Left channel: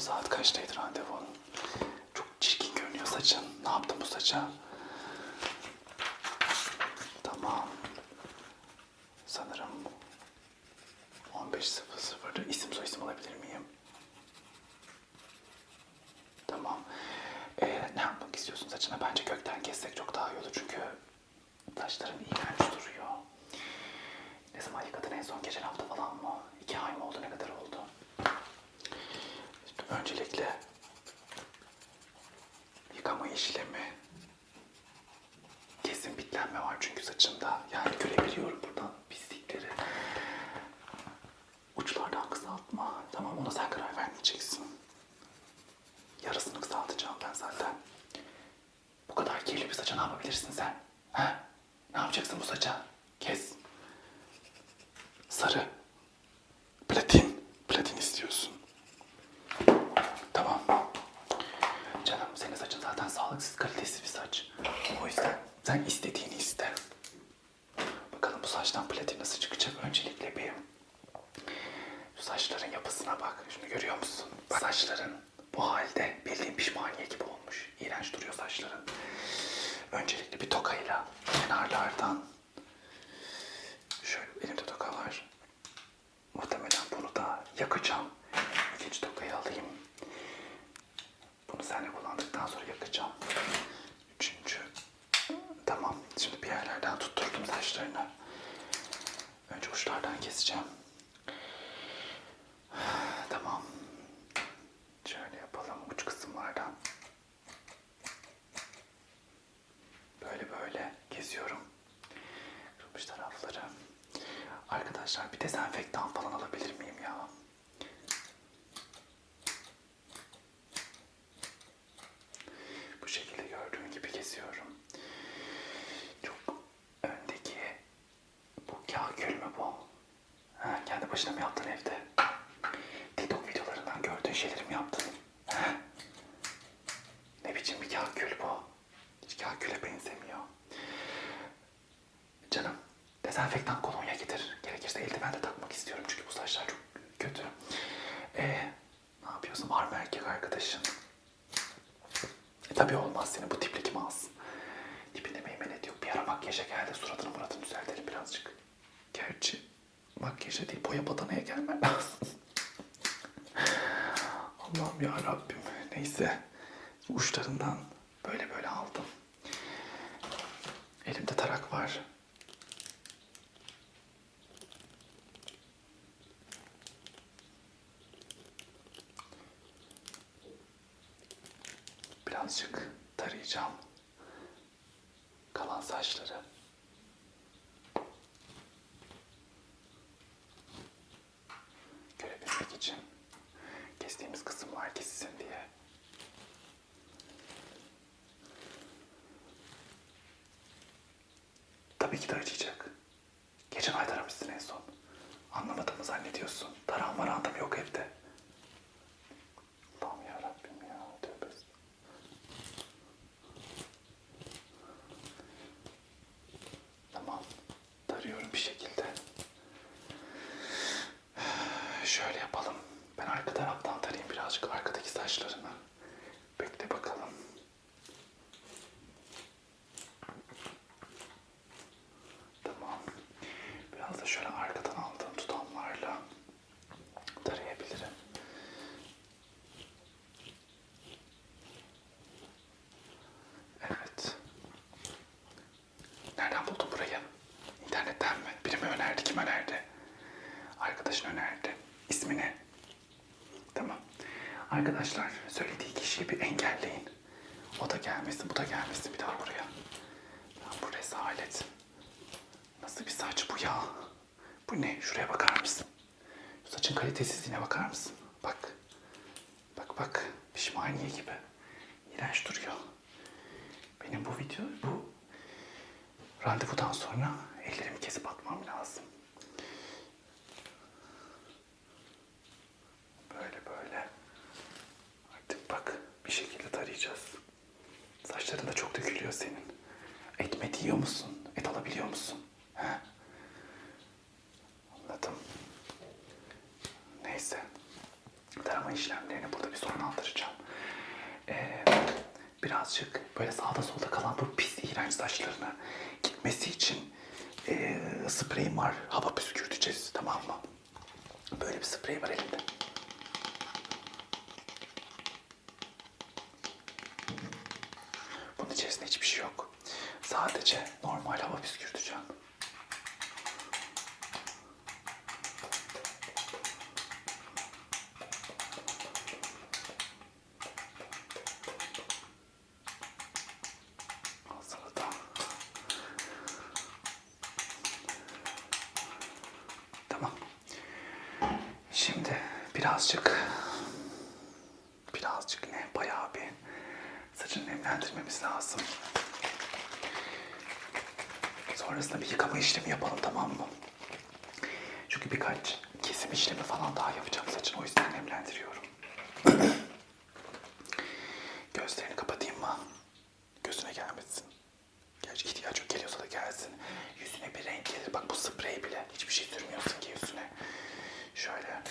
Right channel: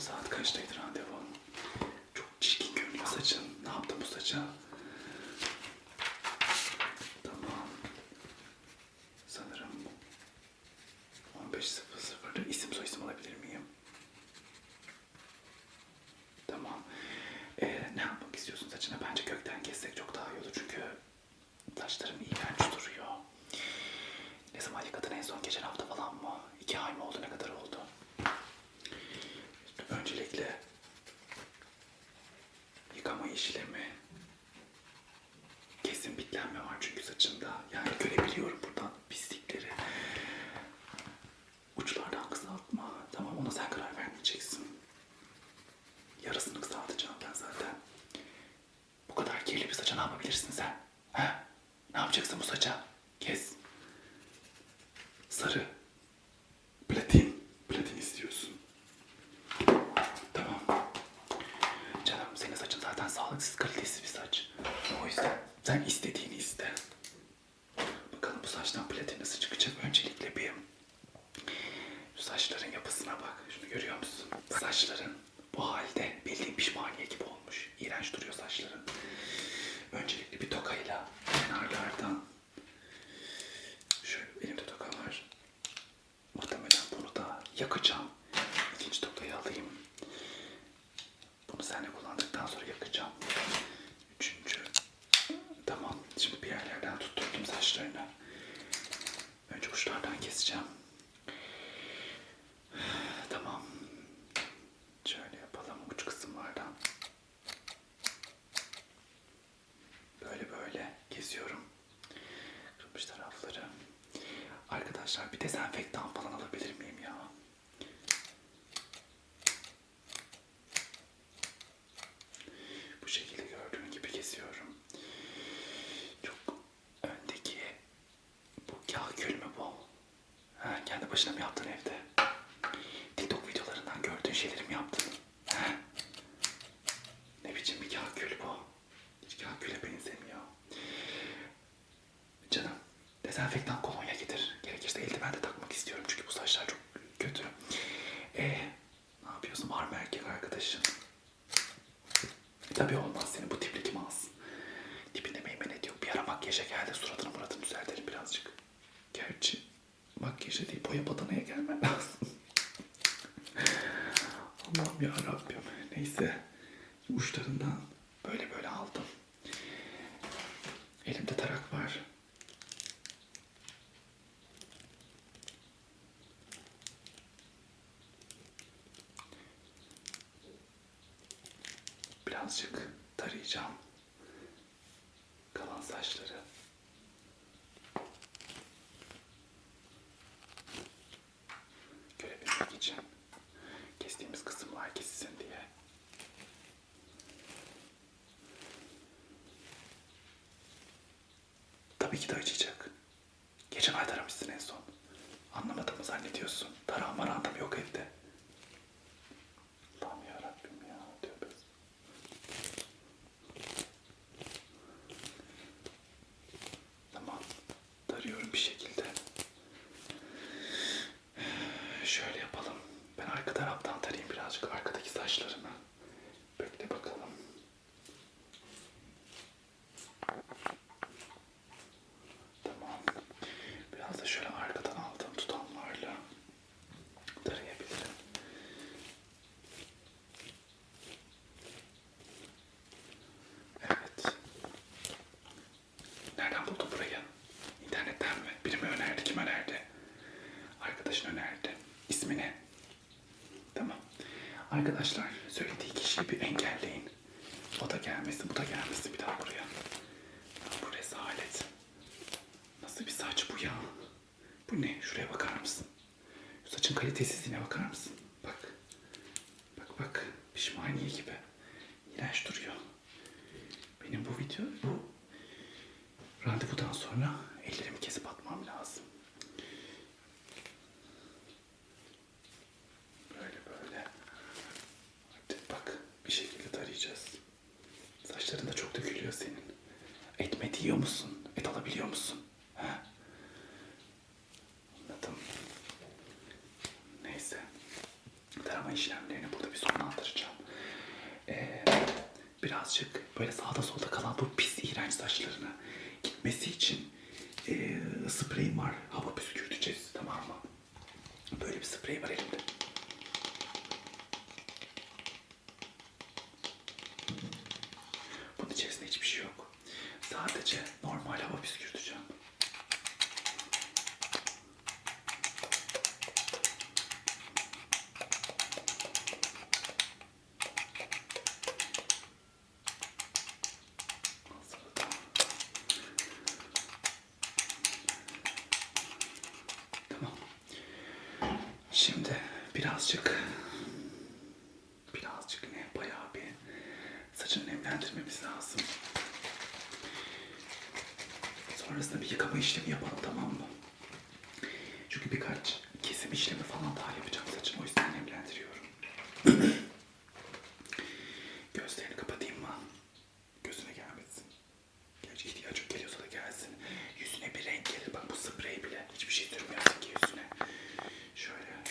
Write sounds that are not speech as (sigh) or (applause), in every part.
Saat kaçtaydı randevu? Çok çirkin görünüyor saçın. Ne yaptın bu saça? Sag ich. başına mı yaptın evde? Allah'ım ya Rabbim. Neyse. Uçlarından böyle böyle aldım. Elimde tarak var. Birazcık tarayacağım kalan saçları. arkadaşlar söylediği kişiyi bir engelleyin. O da gelmesin, bu da gelmesin bir daha buraya. Bu rezalet. Nasıl bir saç bu ya? Bu ne? Şuraya bakar mısın? Şu saçın kalitesizliğine bakar mısın? Bak. Bak bak. Pişmaniye gibi. işlemlerini burada bir sonlandıracağım. Ee, birazcık böyle sağda solda kalan bu pis iğrenç saçlarını gitmesi için e, spreyim var. Hava püskürteceğiz tamam mı? Böyle bir sprey var elimde. Bunun içerisinde hiçbir şey yok. Sadece normal hava püskürtücü. Sonrasında bir yıkama işlemi yapalım tamam mı? Çünkü birkaç kesim işlemi falan daha yapacağım saçını o yüzden nemlendiriyorum. (clears throat) Gözlerini kapatayım mı? Gözüne gelmesin. Gerçi ihtiyaç yok geliyorsa da gelsin. Yüzüne bir renk gelir. Bak bu sprey bile. Hiçbir şey sürmüyorsun ki yüzüne. Şöyle.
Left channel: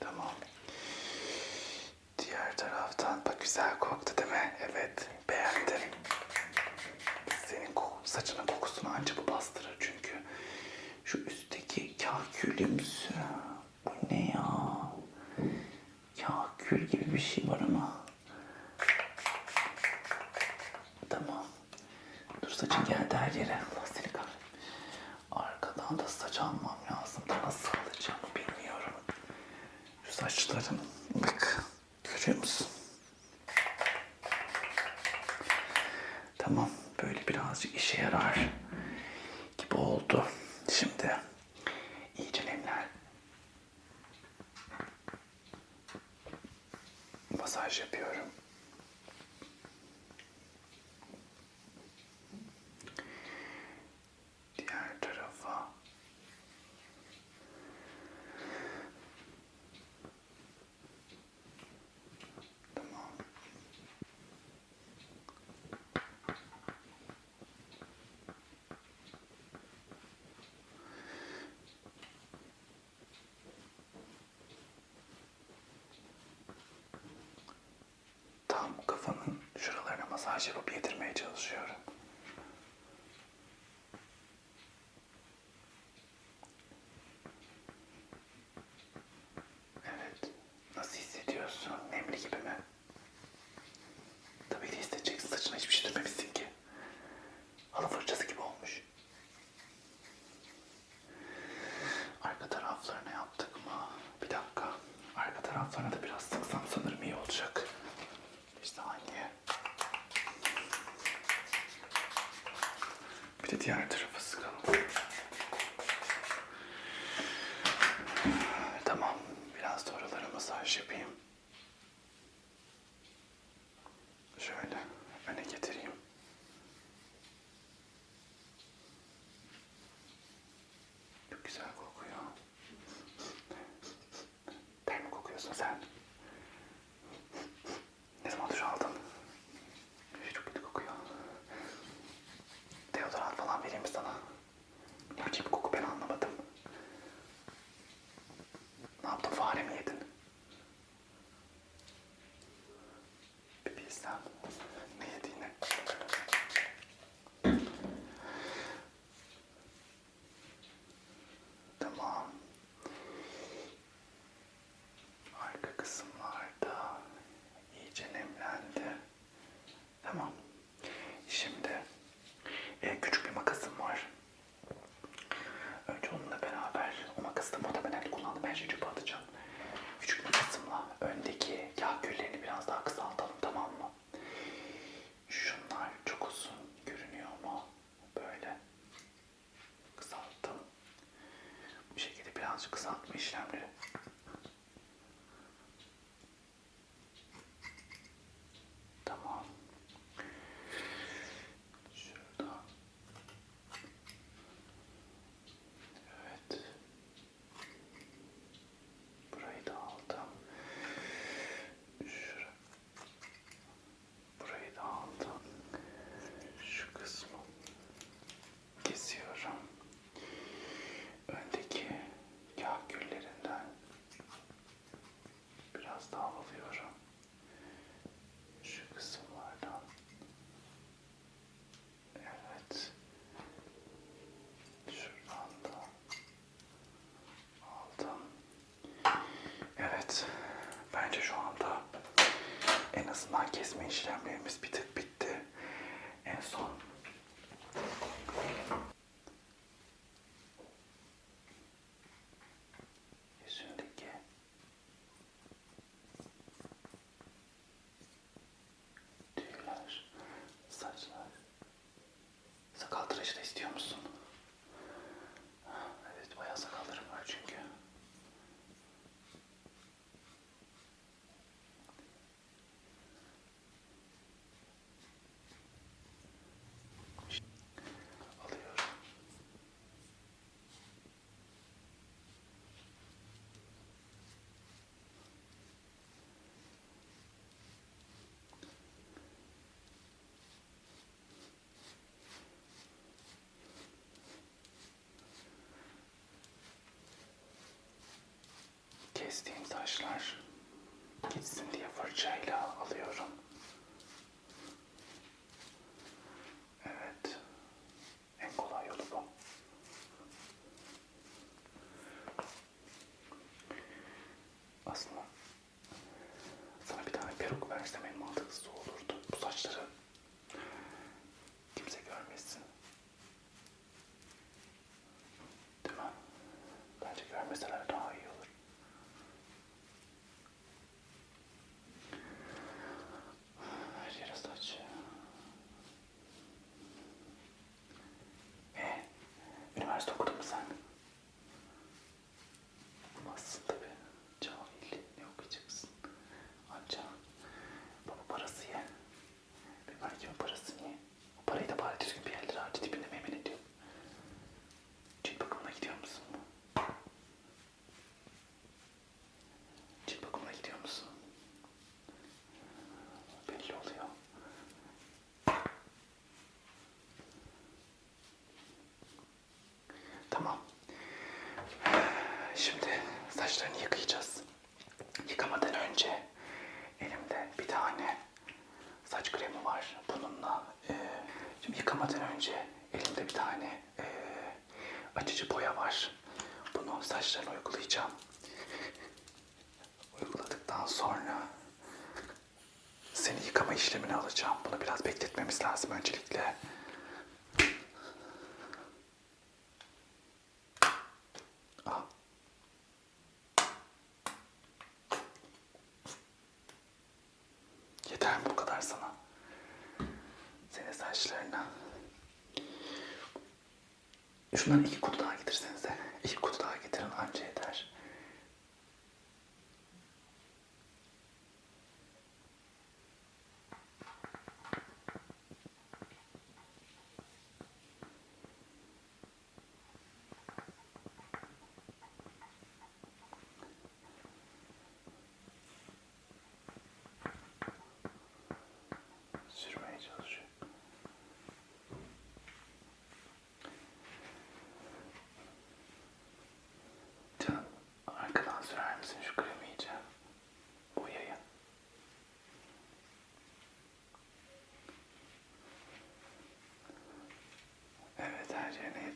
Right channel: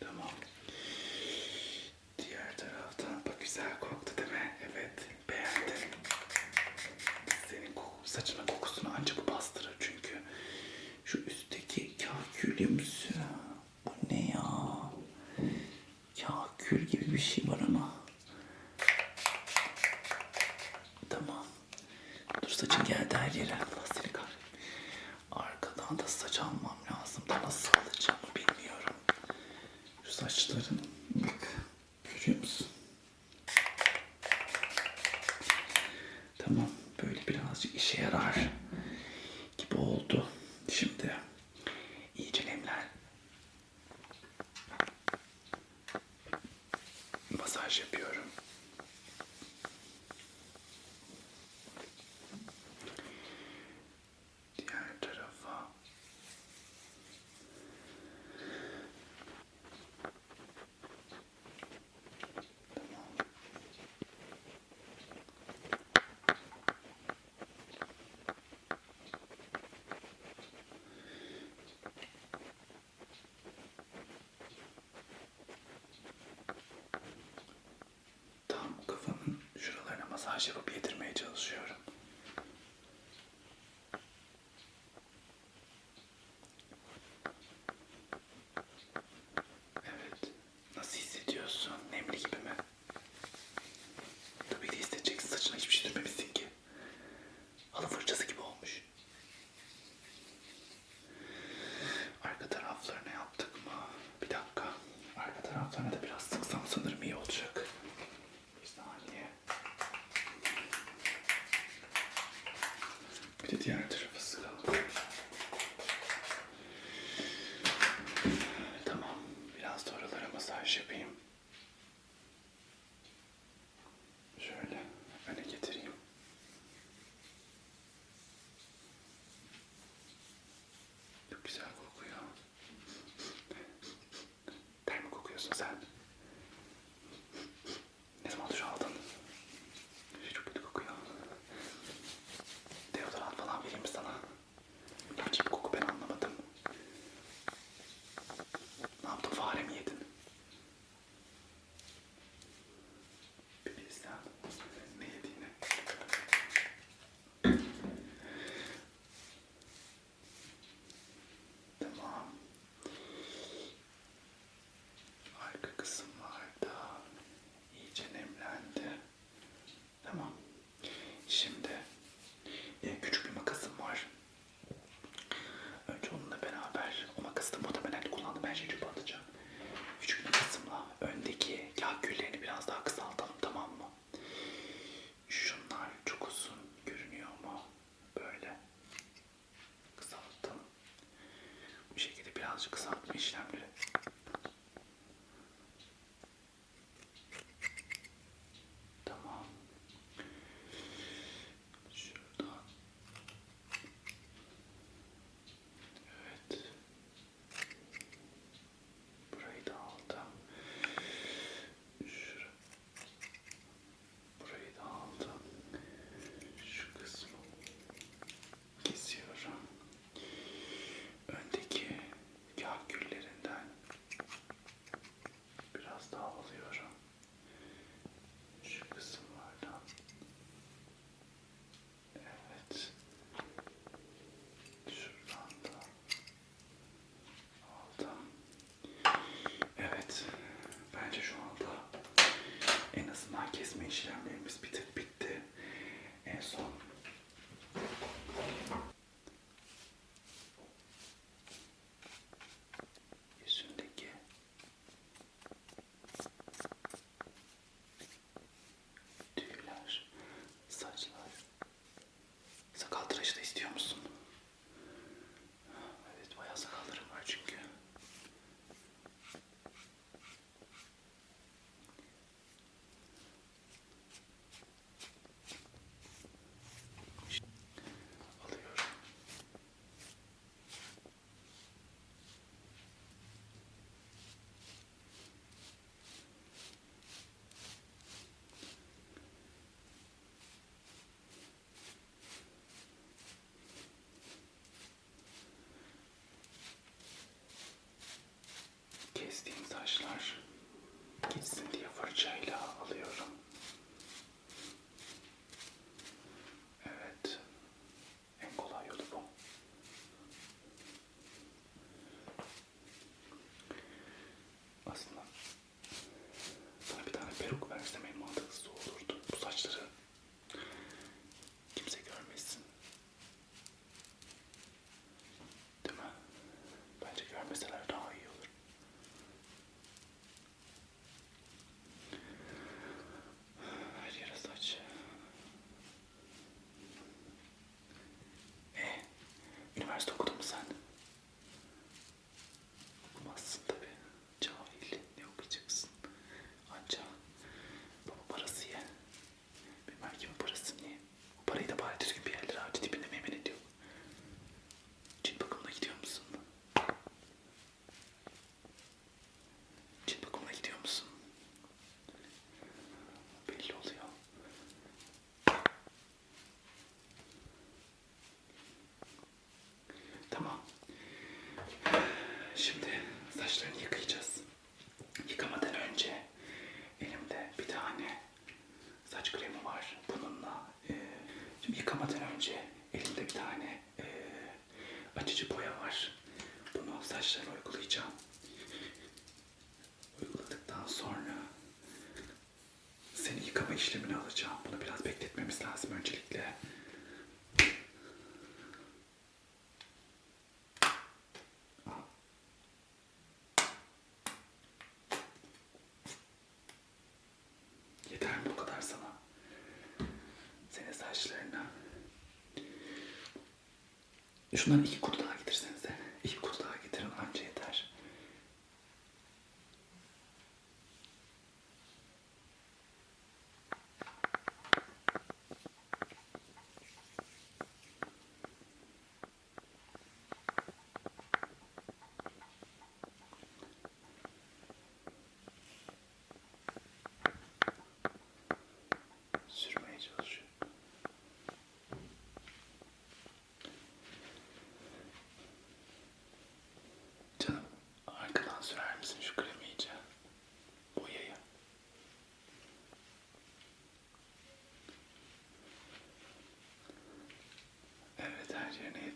Tamam. Diğer taraftan bak güzel koktu değil mi? Evet. Beğendim. Senin koku, saçının kokusunu ancak bu bastırır çünkü. Şu üstteki kakülümsü. Bu ne ya? Kakül gibi bir şey var ama. Tamam. Dur saçın geldi her yere. Allah seni kahretsin. Arkadan da saç almam lazım da nasıl alacağımı bilmiyorum. Şu saçların bak görüyor musun? Tamam böyle birazcık işe yarar gibi oldu. Şimdi iyice nemler. Masaj yapıyorum. Bir birazcık kısaltma işlemleri. kesme işlemlerimiz bir tık bitti. En son yüzündeki tüyler, saçlar, sakal tıraşı da istiyor musun? arkadaşlar. Gitsin diye fırçayla saçlarını yıkayacağız. Yıkamadan önce elimde bir tane saç kremi var. Bununla e, şimdi yıkamadan önce elimde bir tane e, açıcı boya var. Bunu saçlarına uygulayacağım. Uyguladıktan sonra seni yıkama işlemini alacağım. Bunu biraz bekletmemiz lazım öncelikle. Jenny.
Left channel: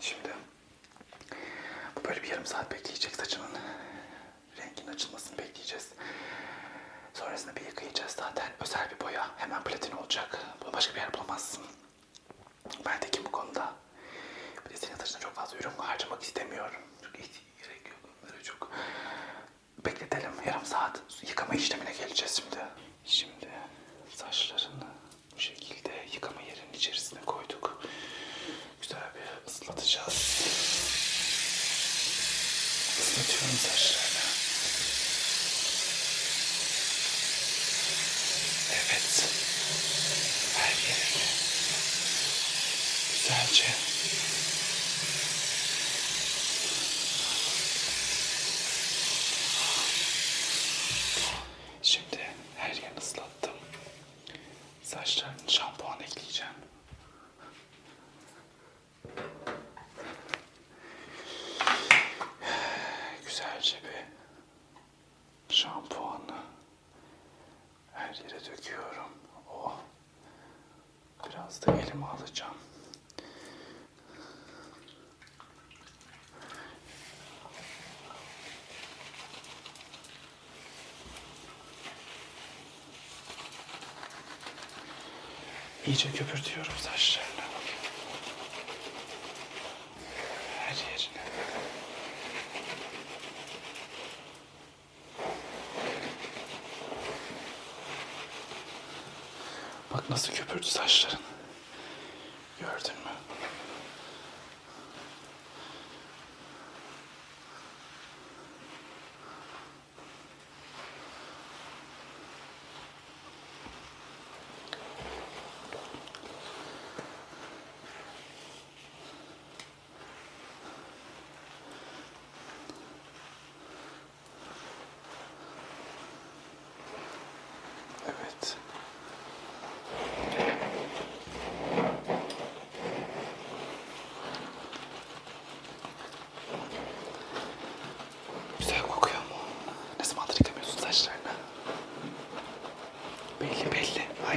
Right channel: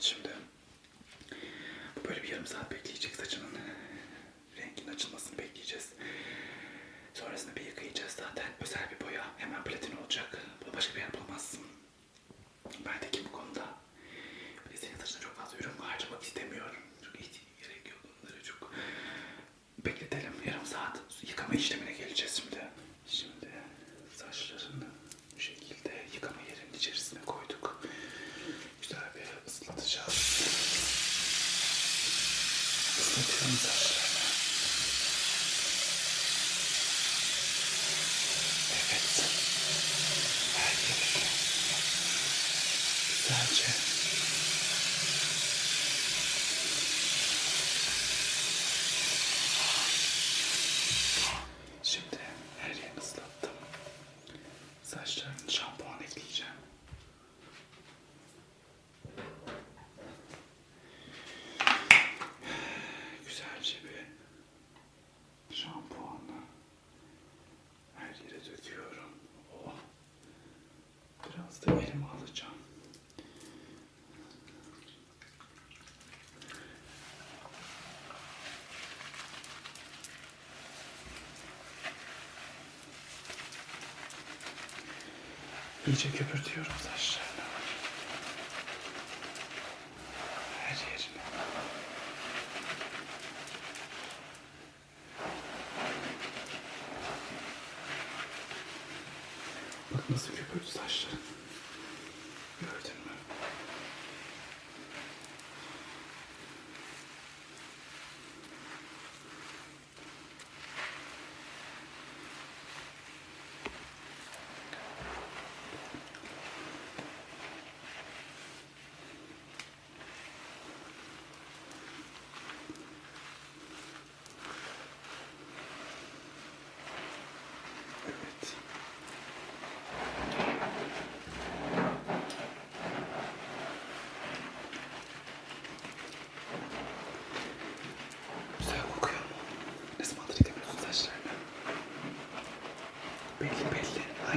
Şimdi böyle bir yarım saat bekleyecek saçımın renginin açılmasını bekleyeceğiz. Sonrasında bir yıkayacağız zaten. Özel bir boya. Hemen platin olacak. Bunu başka bir yer bulamazsın. Yere döküyorum. Oh. Biraz da elime alacağım. İyice köpürtüyorum saçlarını.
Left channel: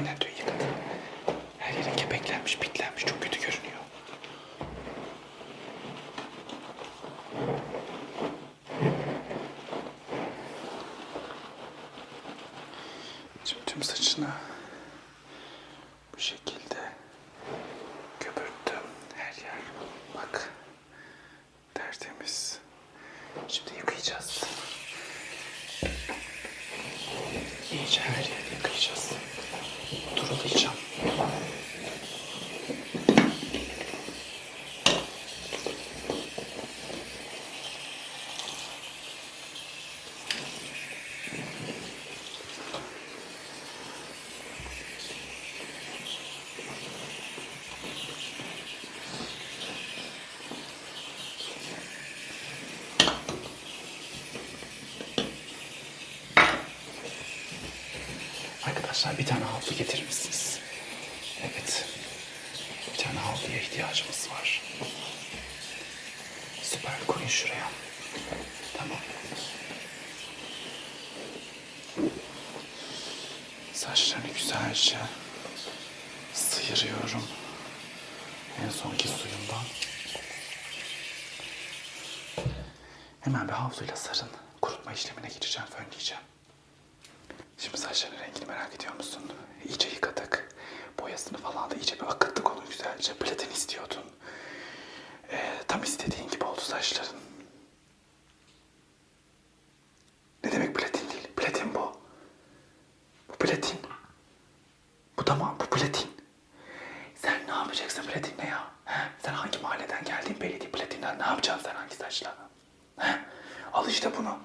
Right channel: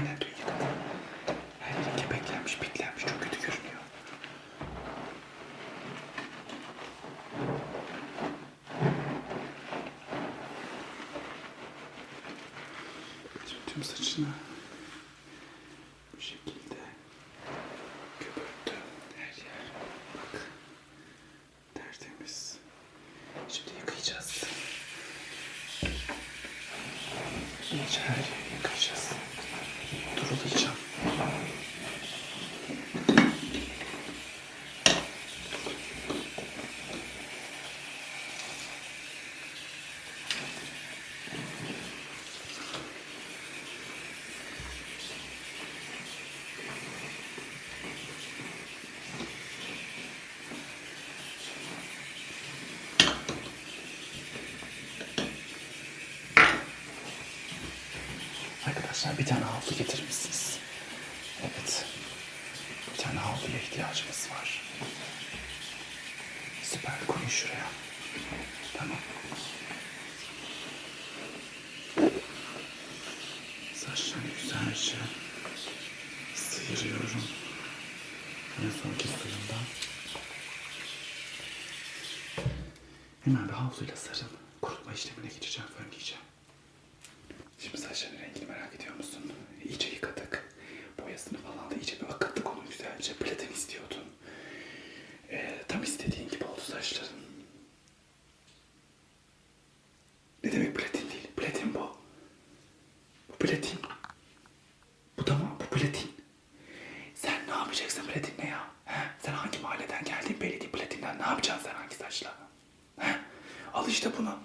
Aynen dün yıkadım. Her yerin kepeklenmiş, pitlenmiş. Çok kötü görünüyor. Şimdi tüm saçını bu şekilde köpürttüm. Her yer. Bak. Tertemiz. Şimdi yıkayacağız. İyice her yeri yıkayacağız. Durulayacağım. Arkadaşlar bir tane havlu getirir misiniz? Evet. Bir tane havluya ihtiyacımız var. Süper koyun şuraya. Tamam. Saçlarını güzelce sıyırıyorum. En sonki suyundan. Hemen bir havluyla sarın. Kurutma işlemine gireceğim, fönleyeceğim. Şimdi saçların rengini merak ediyor musun? İyice yıkadık. Boyasını falan da iyice bir akıttık onu güzelce. Platin istiyordun. Ee, tam istediğin gibi oldu saçların. Ne demek platin değil? Platin bu. Bu platin. Bu tamam, bu platin. Sen ne yapacaksın platinle ya? He? Sen hangi mahalleden geldin belli değil platinden. Ne yapacaksın sen hangi saçla? He? Al işte bunu.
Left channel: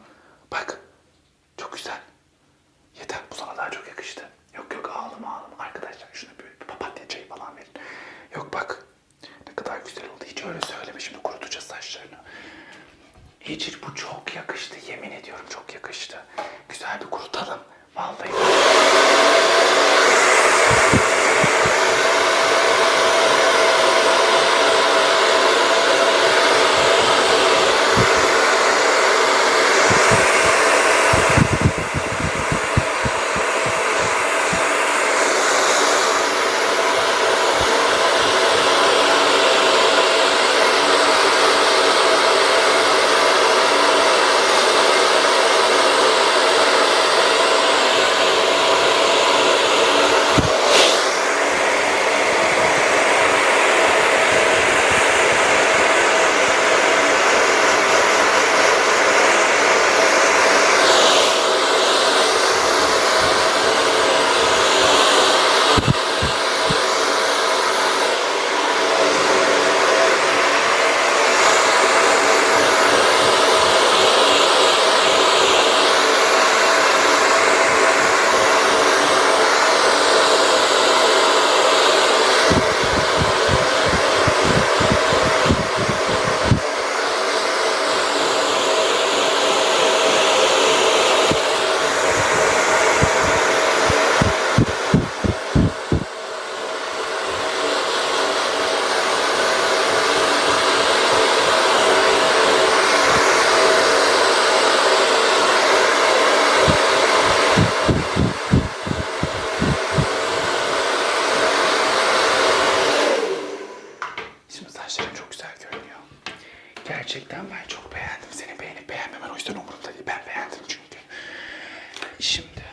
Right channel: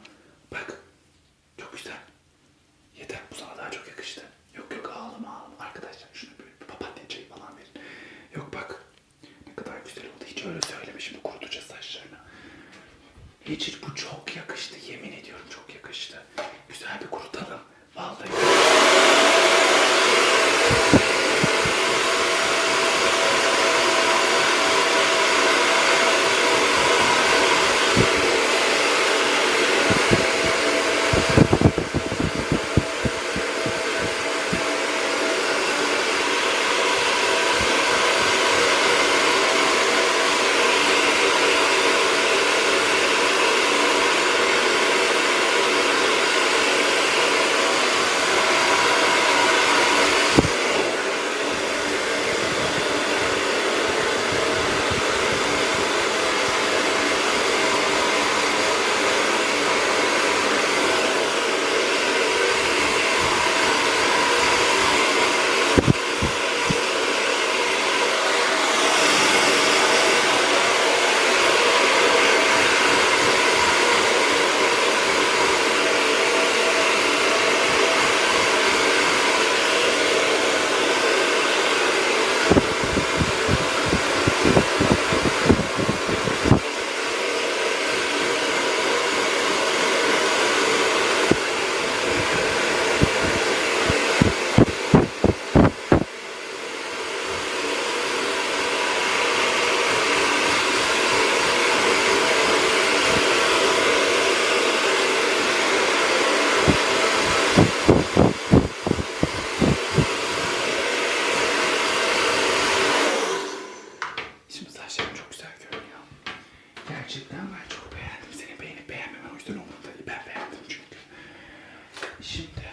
Şimdi.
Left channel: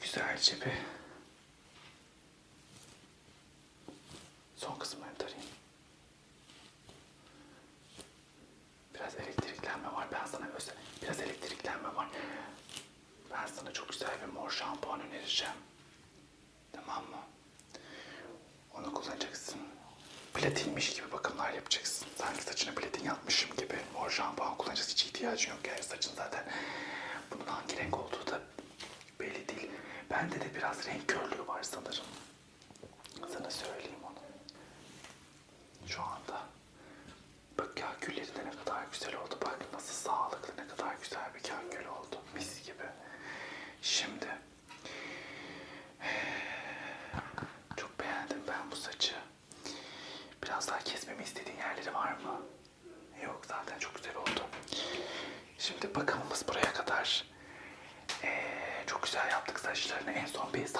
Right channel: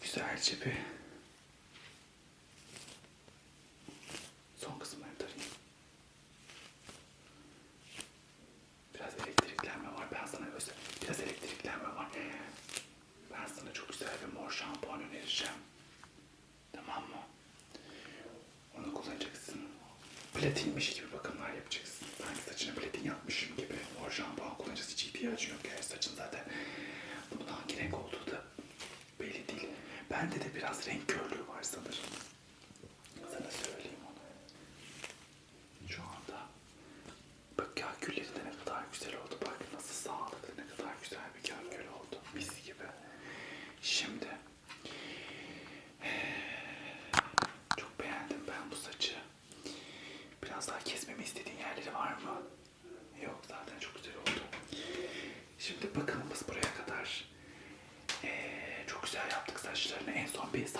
Güzelce bir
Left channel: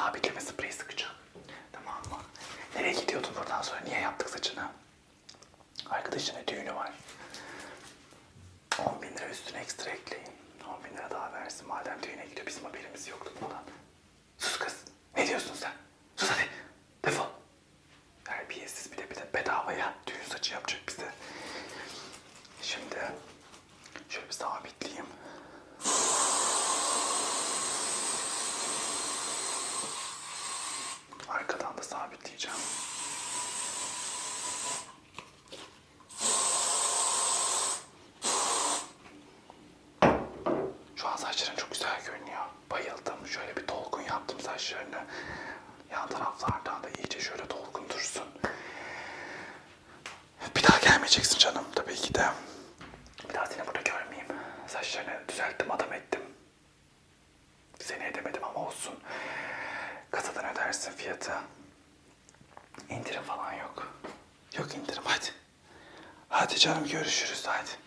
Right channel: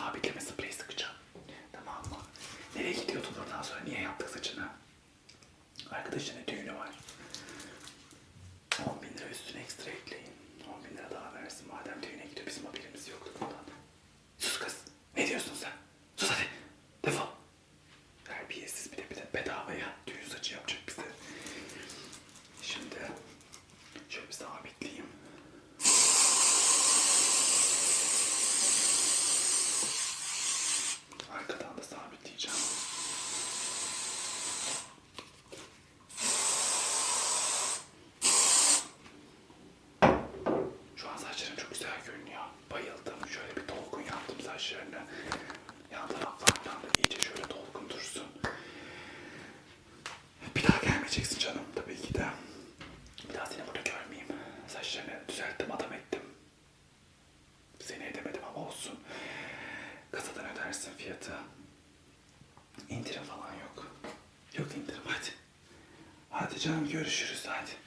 I'll be giving some please Hadi canım görüşürüz hadi.